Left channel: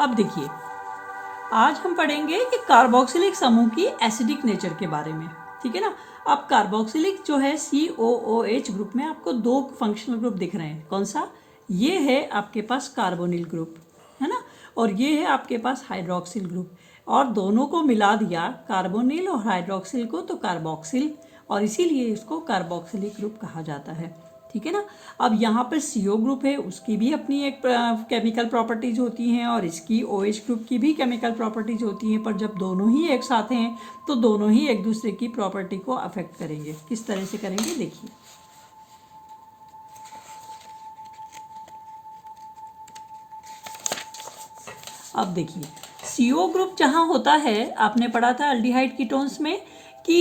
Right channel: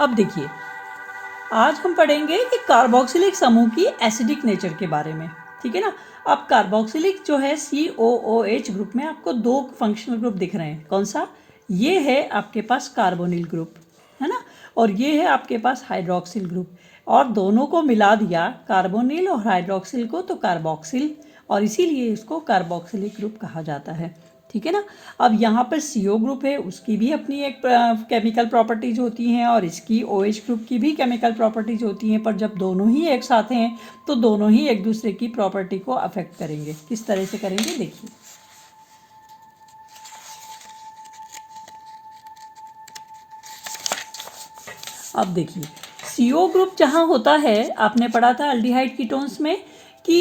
अब देखिए, आज हम पढ़ेंगे कि कार्बोक्सिलिक समूह की एसिडिक नेचर के बारे में, ठीक है ना। अब कार्बोक्सिलिक जो है COOH ग्रुप में आपको दो फंक्शनल ग्रुप दिख रहे हैं। कौन सा? ये है आपके पास कार्बोनिल ग्रुप, है ना, और ये है आपके पास हाइड्रोक्सिल ग्रुप। और दोनों को मिला दिया, कार्बोनिल और हाइड्रोक्सिल को, तो कार्बोक्सिल, और इसीलिए इसको कार्बोक्सिलिक ग्रुप कहा जाता है, ठीक है ना। अब यहाँ पर CO ग्रुप है, उसकी भी अपनी एक केमिकल प्रॉपर्टीज होती हैं, और इसकी OH ग्रुप की भी केमिकल प्रॉपर्टीज होती हैं। पर जब दोनों ही एक साथ हैं तो दोनों ही एक दूसरे की प्रॉपर्टी को अफेक्ट करेंगे। किस तरह से करेंगे देखिए। अब देखिए, CO ग्रुप जहाँ होता है, आपने पढ़ा था अल्डिहाइड कीटोन्स में कि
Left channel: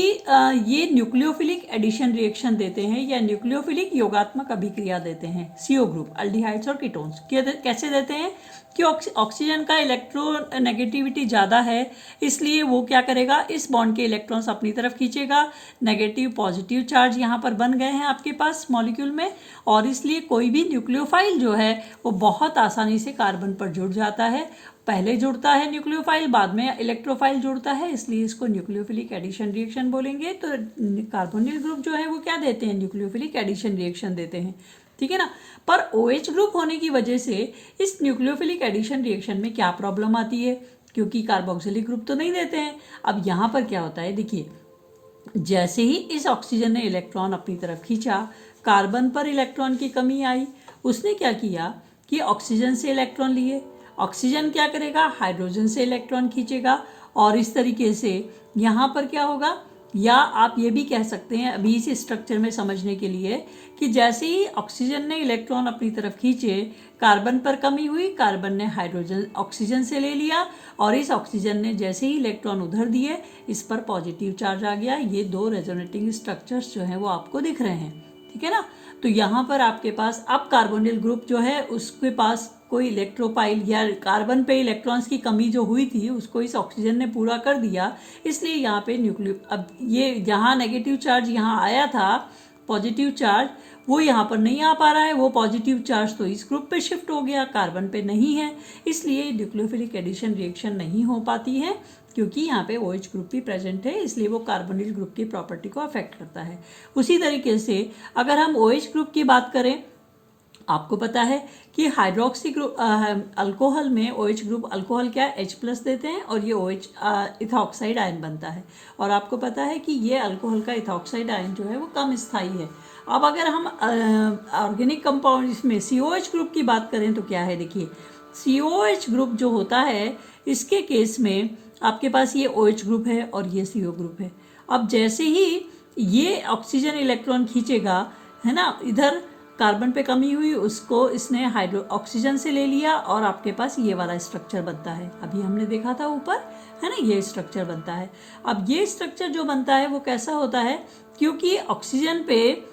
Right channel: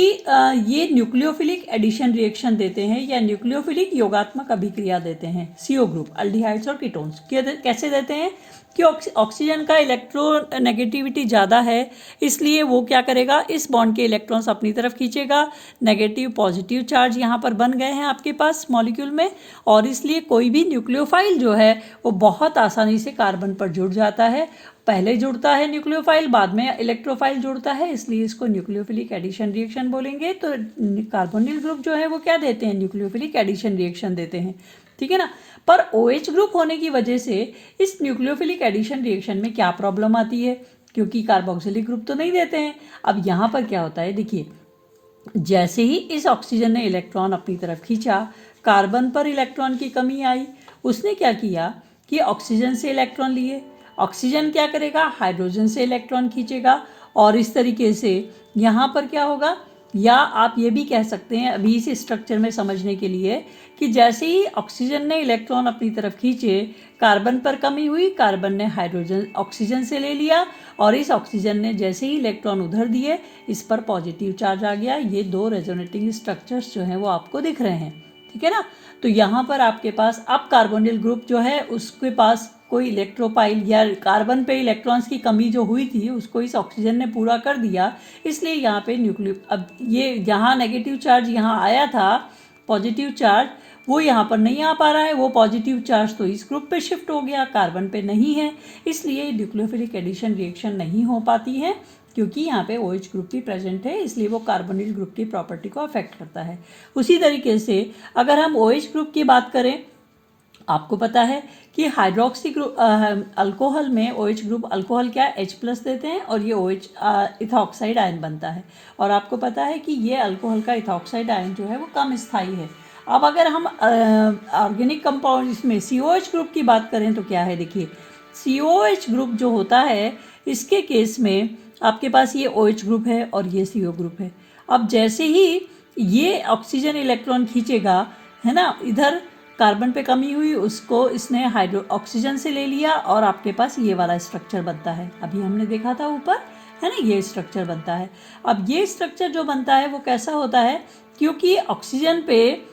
ये न्यूक्लियोफिलिक एडिशन रिएक्शन देते हैं या न्यूक्लियोफिलिक योगात्मक अभिक्रिया देते हैं। CO ग्रुप अल्डिहाइड्स और कीटोन्स कैसे देते हैं कि ऑक्सीजन का इलेक्ट्रोनेगेटिविटी ज़्यादा है, इसलिए वो क्या करेगा, इस बॉन्ड के इलेक्ट्रॉन्स अपनी तरफ खींचेगा। नेगेटिव पॉजिटिव चार्ज यहाँ पर बन गए हैं आपके पास मॉलिक्यूल में, और इसलिए कोई भी न्यूक्लियोफाइल जो है वो बहुत आसानी से कार्बन पर जुड़ जाता है। पहले जुड़ता है न्यूक्लियोफाइल, बाद में इलेक्ट्रोफाइल जुड़ता है, इसलिए इसको न्यूक्लियोफिलिक एडिशन रिएक्शन बोलेंगे। तो कार्बोनिल ग्रुप जो है वो क्या देते हैं, न्यूक्लियोफिलिक एडिशन रिएक्शन देते हैं, ठीक है ना। पर OH ग्रुप होने की वजह से इस न्यूक्लियोफिलिक एडिशन रिएक्शन में क्या प्रॉब्लम आती है, क्योंकि कार्बोक्सिलिक ग्रुप तो नहीं देते हैं। अब यहाँ पर क्या होता है देखिए, जैसे ही इस ऑक्सीजन ने इलेक्ट्रॉन अपनी तरफ खींचा, कार्बन पर इलेक्ट्रॉन की कमी आई। उसने क्या किया कि ऑक्सीजन से इलेक्ट्रॉन लिए। ऑक्सीजन क्या करेगा, हाइड्रोजन से इलेक्ट्रॉन खींचेगा, और इस तरीके से यहाँ पर क्या होगा, या आप ये भी कह सकते हैं अभी इस स्ट्रक्चर में समझने के लिए कि जैसे ही ऑक्सीजन ने इलेक्ट्रॉन अपनी तरफ खींचे, कार्बन पर कमी हुई, कार्बन ने हाइड्रोजन ऑक्सीजन से ले लिया, और इस ऑक्सीजन ने जैसे ही इलेक्ट्रॉन उधर दिए, इस पर पॉजिटिव चार्ज आ गया। ये दो रेजोनेटिंग स्ट्रक्चर्स जो हैं वो आपको दिख रहे हैं, ठीक है ना। तो यहाँ पर आपके पास अब कार्बोनिल ग्रुप जो है उसके पास कोई इलेक्ट्रोपाइल या कार्बन पे इलेक्ट्रॉन्स की कमी जो हुई थी उसको इस ऑक्सीजन ने पूरा कर दिया, इसलिए यहाँ पे अब ये यहाँ नेगेटिव चार्ज यहाँ आया था, पॉजिटिव चार्ज वो यहाँ पर नहीं आ पा रहा है। वो पॉजिटिव चार्ज तो इस ग्रुप पे शिफ्ट हो गया, कार्बन पे नहीं है, इसलिए न्यूक्लियोफिलिक एडिशन रिएक्शन नहीं हो पाती है, क्योंकि यहाँ पे OH ग्रुप भी प्रेजेंट है, इसलिए वो कार्बोनिल ग्रुप की प्रॉपर्टी को अफेक्ट करता है। उसी तरीके से अगर हम OH ग्रुप की बात करें, आपको पता है कि हाइड्रोक्सी ग्रुप अल्कोहल में OH ग्रुप अल्कोहल क्या H+ देते हैं, और ये OH इथॉक्साइड आयन बनता है। और आपको पता है कि ये अल्कोहल का इथॉक्साइड आयन जो है वो कम स्थायी है। अब अगर हम ऑर्गेनिक कंपाउंड इसमें COH ग्रुप की बात करें तो क्या है देखिए, COH ग्रुप जो होता है इसके केस में आपके पास ये OH ग्रुप है और ये CO ग्रुप है। अब जैसे ही ये ऑक्सीजन इलेक्ट्रॉन खींचेगा, है ना, इधर कार्बन पे कमी हुई, उसको इसने ऑक्सीजन से ले लिया, और आपके पास ये वाला स्ट्रक्चर बनता है। अभी हमने देखा था ऊपर, है ना, ये स्ट्रक्चर बनता है। अब ये स्ट्रक्चर जो बनता है वो कैसा होता है, क्योंकि ऑक्सीजन पे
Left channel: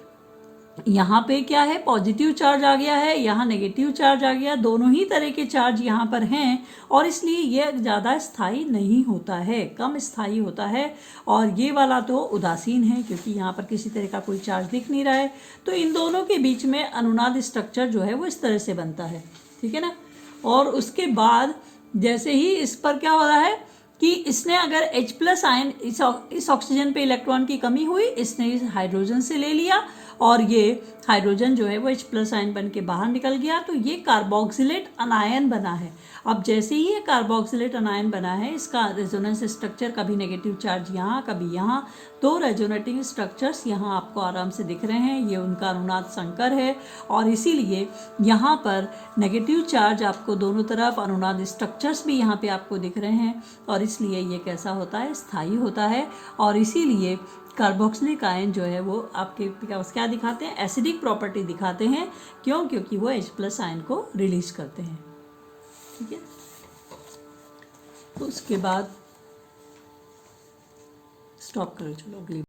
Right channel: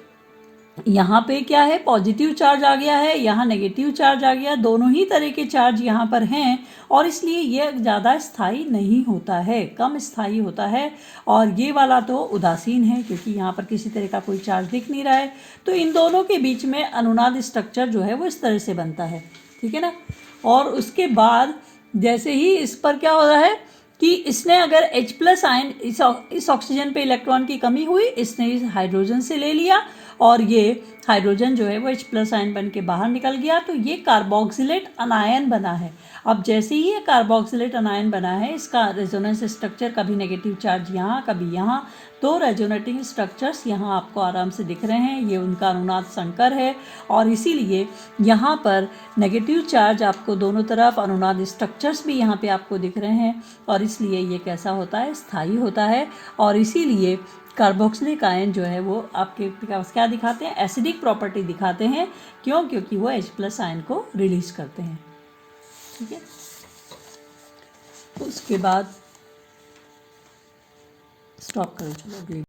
यहाँ पे क्या है, पॉजिटिव चार्ज आ गया है, यहाँ नेगेटिव चार्ज आ गया, दोनों ही तरह के चार्ज यहाँ पर हैं, और इसलिए ये ज़्यादा स्थायी नहीं होता है, कम स्थायी होता है। और ये वाला तो उदासीन है, क्योंकि यहाँ पर किसी तरह का कोई चार्ज दिख नहीं रहा है। तो इन दोनों के बीच में अनुनाद स्ट्रक्चर जो है वो इस तरह से बनता है, ठीक है ना। और उसके बाद जैसे ही इस पर क्या हो रहा है कि इसने अगर H+ आयन, इस ऑक्सीजन पे इलेक्ट्रॉन की कमी हुई, इसने इस हाइड्रोजन से ले लिया, और ये हाइड्रोजन जो है वो H+ आयन बन के बाहर निकल गया, तो ये कार्बोक्सिलेट अनायन बना है। अब जैसे ही ये कार्बोक्सिलेट अनायन बना है, इसका रेजोनेंस स्ट्रक्चर कभी नेगेटिव चार्ज यहाँ, कभी यहाँ, दो रेजोनेटिंग स्ट्रक्चर्स यहाँ आपको आराम से दिख रहे हैं, ये उनका अनुनाद संकर है। और इसीलिए यहाँ पर नेगेटिव चार्ज आपको दोनों तरफ, अनुनाद स्ट्रक्चर्स भी यहाँ पे आपको दिख रहे हैं, और इसलिए ये कैसा होता है, स्थायी होता है। और इसीलिए कार्बोक्सिलिक आयन जो है वो आपके क्या दिखाते हैं, एसिडिक प्रॉपर्टी दिखाते हैं। क्यों? क्योंकि वो H+ आयन को रिलीज करते हैं, ठीक है। उसके बाद स्टॉप करो, चलो अगली